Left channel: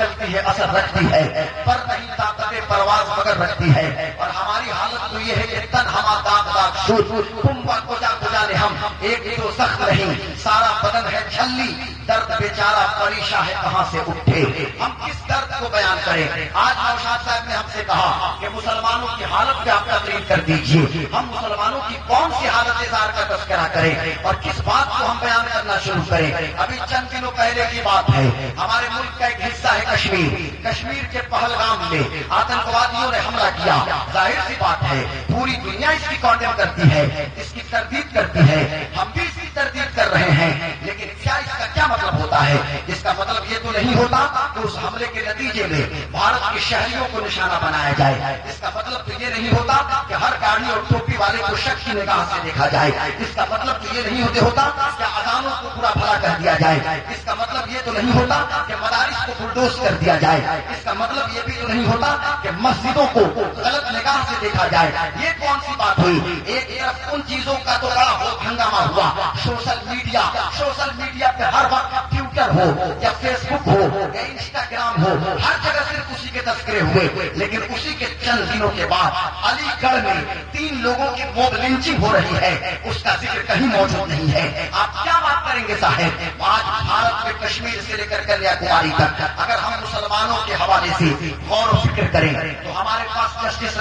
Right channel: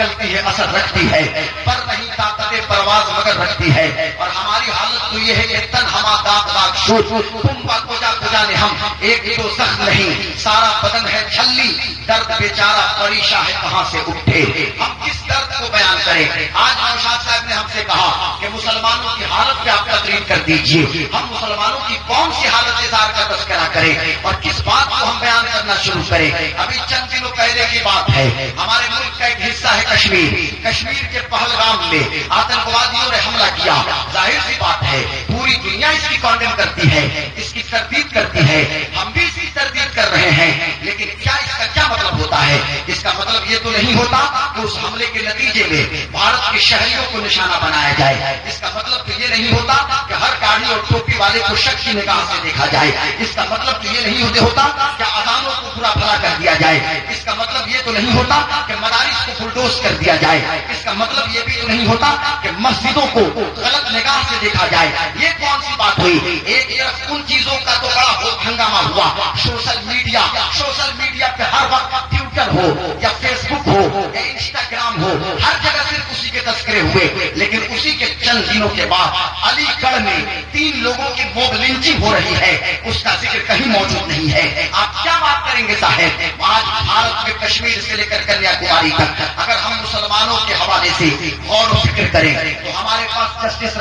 نکلتی ہے اثر رکھتی ہے، پر نہیں طاقت پرواز مگر رکھتی ہے. اور ہماری حالت تو یہ ہے کہ تن ہما داغ داغ شور کمبا کجا کجا نے ہم ایک تو زخم نہیں سارا بدن ہے چھلی، درد بیچارہ پریشاں ہے کہاں سے اٹھے. ہم کس درد کو بیان کریں؟ آج نوشاد صاحب نے ہم سے کہا کہ مسلمانوں کی حالت پہ آپ تقریر کر دیجئے. ہم مسلمانوں کی کون سی حالت اظہار کا تذکرہ کریں اور کس بات کو ہم بیان کرنا شروع کریں؟ ابھی چند دنوں پہلے کی بات ہے، ہمارے ملک کا ایک حصہ ہے کشمیر. کشمیر کے پہلگام میں آتنکوادیوں نے حملہ کیا. ظاہر سی بات ہے پوری دنیا اس کی کانڈم کرتی ہے، اس کی تردید کرتی ہے، ہم بھی اس کی تردید کر رہے ہیں. لیکن کیا اس کا کیا مطلب ہوتا ہے؟ اس کا مطلب یہ تو نہیں ہوتا کہ اس حملے کے نتیجے میں بھارت کے شہریوں کو نشانہ بنایا جائے. اس کا مطلب تو یہ نہیں ہوتا کہ ہر گاڑی اور ٹوپی والے کو شک کی نگاہ سے دیکھا جائے. اس کا مطلب تو یہ نہیں ہوتا کہ اذانوں کو برا بھلا کر دیا جائے. اس کا مطلب یہ تو نہیں ہوتا کہ مدارس کو بلڈوز کر دیا جائے. اس کا مطلب یہ بھی تو نہیں ہوتا کہ مسجدوں کو غلط نگاہ سے دیکھا جائے. یہ کون سی بات ہوئی؟ ایک طرف ان چیزوں کا تو بڑا ہنگامہ ہوا، سوشل میڈیا پہ ہر وقت ٹویٹر ہو یا فیس بک ہو یا انسٹاگرام ہو، ہر جگہ صرف اسی کے تذکرے ہوئے. لیکن اسی کے چند دنوں کے بعد علی گڑھ میں 3 لوگوں کی موب لنچنگ ہو رہی ہے، اس کا ذکر کہیں موجود نہیں ہے. آپ کیا بات کریں گے صاحب؟ آج بھارت میں کشمیر سے لے کر کنیا کماری تک اگر ہم مسلمانوں کے حوالے سے غور و فکر کریں تو ہمارے پاس جسٹس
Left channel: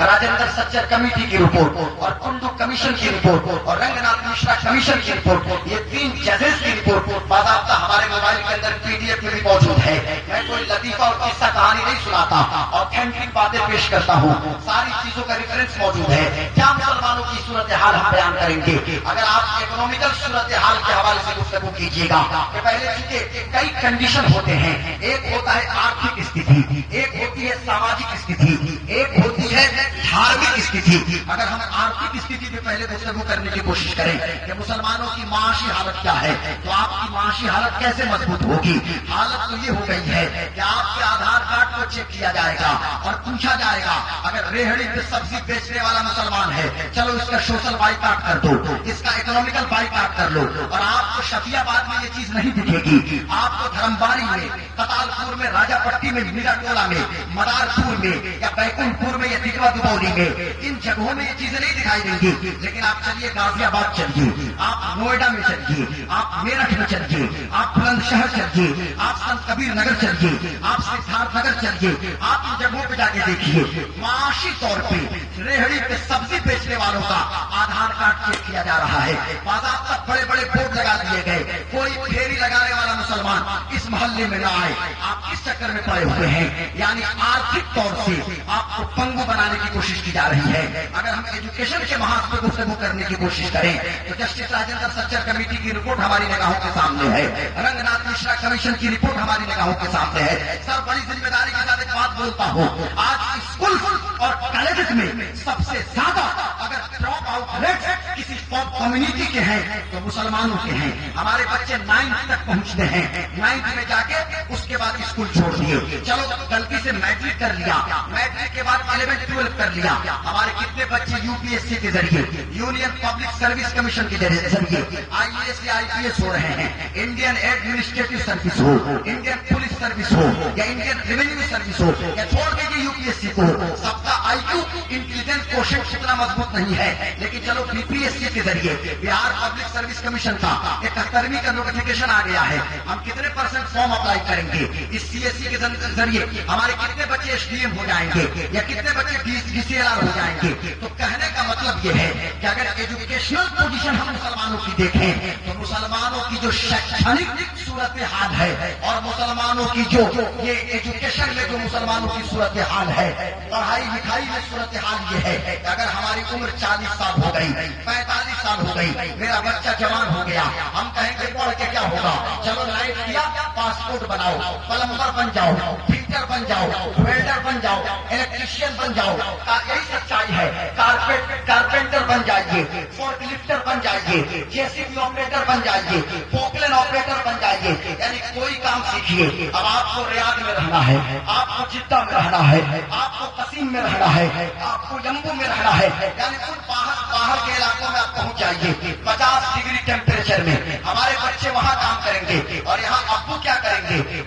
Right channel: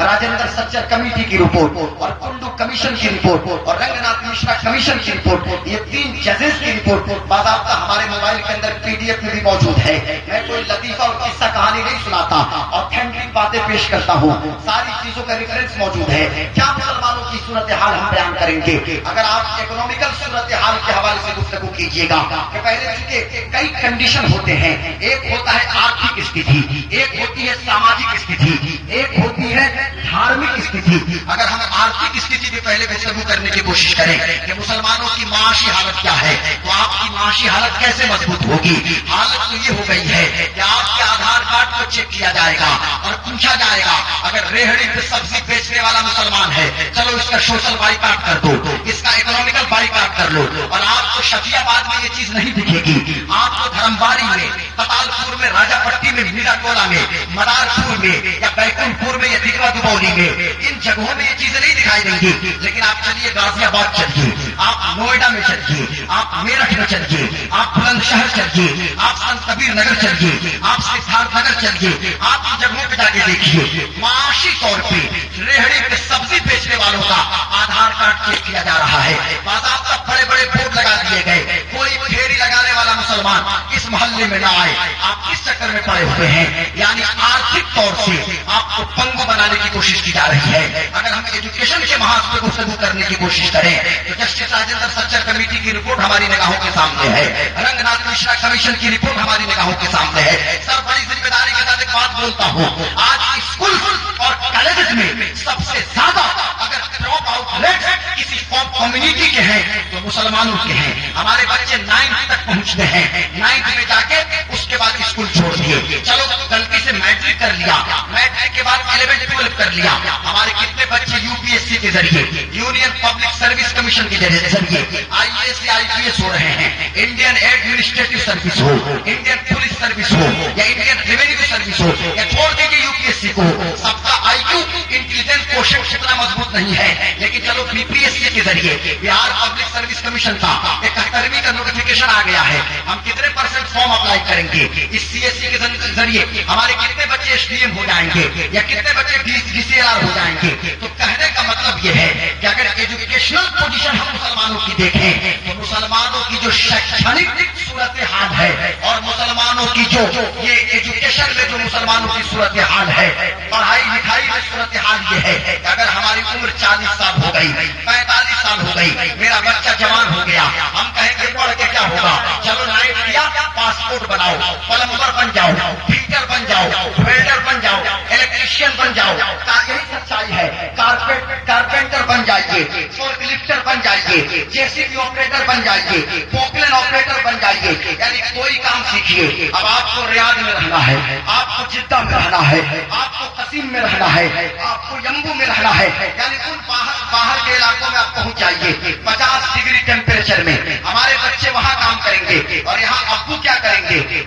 راجندر سچر کمیٹی کی رپورٹ اور کنڈو کمیشن کی رپورٹ اور رنگ ناتھ مشرا کمیشن کی رپورٹ، یہ 3 ججز کی رپورٹ باضابطہ ہمارے موبائل کے اندر PDF میں بھی موجود ہے. میں کوئی لطیفہ اور قصہ کہانی نہیں سناتا، آتھینٹک باتیں پیش کرتا ہوں، ساری چیزوں کا ریفرنس موجود ہے. کیا مسلمانوں کی صورتحال ہم بیان کریں گے؟ اگر آپ اکنامیکل صورتحال کے حوالے سے گفتگو کیجیے گا کہ پہلے چونکہ کئی کنڈیشن ہوتے ہیں، ایک ہوتا ہے آرتھک استھتی، ایک ہوتی ہے ساماجک استھتی، ایک ہوتی ہے دھارمک استھتی. اگر ہم آرتھک استھتی کے پہلے گفتگو کرنے کی کوشش کریں کہ مسلمانوں کی معاشی حالت کیا ہے، تو آپ کی معاشی حالت کیسے مضبوط ہوگی؟ حالت تو یہ ہو گئی ہے کہ آپ کے آدھار کارڈ کو چیک کیا جائے گا اور پوچھا جائے گا اگر ریہڑی پہ سبزی بیچنے والا مسلمان ہے چلو اس کا سوشل بائیکاٹ کر دو، اس کا اکنامیکل بائیکاٹ کر لو. اور آپ کو شفیع آباد میں یہ چیز نہیں دکھے گی، آپ کو دھرمباری میں، پتال پور میں، راجا پٹی میں، میرا ٹولہ میں، مدار پور میں یا بیکن پور میں یا دگوا دبولی میں ان جگہوں میں یہ چیزیں نہیں دکھائی دیں گی. لیکن آپ چلیے غازی آباد چلیے، آپ نوئیڈا میں چلیے، آپ میرٹھ میں چلیے، آپ بلند شہر چلیے، آپ سنت کبیر نگر چلیے، آپ سدھارتھ نگر چلیے، آپ ان جگہوں پہ جا کے دیکھیے معاشی طور پہ ریہڑی پہ سبزی بیچنے والوں کا آدھار کارڈ چیک کیا جا رہا ہے. باضابطہ بڑے بڑے بورڈ لگا دیے گئے، کوئی پھیری لگانے والا مسلمان اس محلے میں نہ آئے. آپ کس چکر میں پڑے ہوئے ہیں؟ یعنی آرتھک طور سے آپ کو پنگو بنانے کی کوشش کی جا رہی ہے. اگر ہم ایجوکیشن کے محاذ پہ گفتگو کرنے کی کوشش کریں تو جسٹس راجندر سچر کمیٹی کی رپورٹ ہماری نگاہوں کے سامنے ہے، رنگ ناتھ مشرا کمیشن کی رپورٹ ہماری نگاہوں کے سامنے ہے. سر بڑی ذمہ داری کے ساتھ ایک بات بولتا ہوں، آج اسکول اور کالجز میں سب سے زیادہ اگر ڈراپ آؤٹ ریٹ کسی کمیونٹی کے ہیں تو مسلمانوں کے ہیں. ہمارے بچے 9th تک پہنچتے ہیں، 9th میں جا کے اس کے بعد اسکول چھوڑ دیے، چلو غلطی سے میٹرک کر لیا، میٹرک کے بعد 11th 12th کر لیا. ہمارے کتنے بچے UPSC کے ذریعے، یونین پبلک سروس کمیشن کے ذریعے IAS یا IPS ہو رہے ہیں. انڈین ایڈمنسٹریٹو سروس ہو، انڈین پولیس سروس ہو یا انڈین ریونیو سروس ہو یا چھوڑ دیجیے UPSC کو، سب کا IQ انٹیلیجنس کوشش اتنا مضبوط نہیں ہے. لیکن چلو BPSC کے ذریعے بہار پبلک سروس کمیشن کا 71ویں کا نوٹیفکیشن آ گیا ہے، ہم کتنے % فارم اپلائی کریں گے؟ اس CSE کے ذریعے ہمارے کتنے بچے SDM ہو جائیں گے یا کتنے بچے DCLR ہو جائیں گے؟ تو کہنے کا مطلب یہ ہے کہ اگر ایجوکیشنل پوزیشن ہم مسلمانوں کی دیکھیں تو مسلمانوں کی جو شیکشنک صورتحال ہے اور مسلمانوں کی جو یہ ایجوکیشن میں جو مسلمانوں کی صورتحال ہے، پڑھائی لکھائی میں صورتحال یہ ہے کہ اگر ہماری عمر 40 سال ہو گئی، 45 سال ہو گئی، میرا بچہ جوان ہو گیا، ہم کہیں گے پڑھ کے کیا ہوگا؟ چلو نائٹ کیا، پاسپورٹ بناؤ، پلمبر بن جاؤ، فیٹر بن جاؤ، ویلڈر بن جاؤ، الیکٹریشین بن جاؤ. یہی سچائی ہے. کارپینٹر بن جائیے، فورک لفٹر بن جائیے، JCB آپریٹر بن جائیے، پوپلین آپریٹر بن جائیے، یعنی کوئی کام سیکھیے. اب آپ کو ریاض میں رہنا ہے، آپ کو جدہ میں رہنا ہے، آپ کو قصیم میں رہنا ہے، آپ کو یمبو میں رہنا ہے، یعنی ان باہر کے علاقوں میں آپ پہنچ جائیے 50 ڈگری ٹیمپریچر میں. ہمارے بچے وہاں کام کریں گے اور یہاں ابو کیا کریں گے؟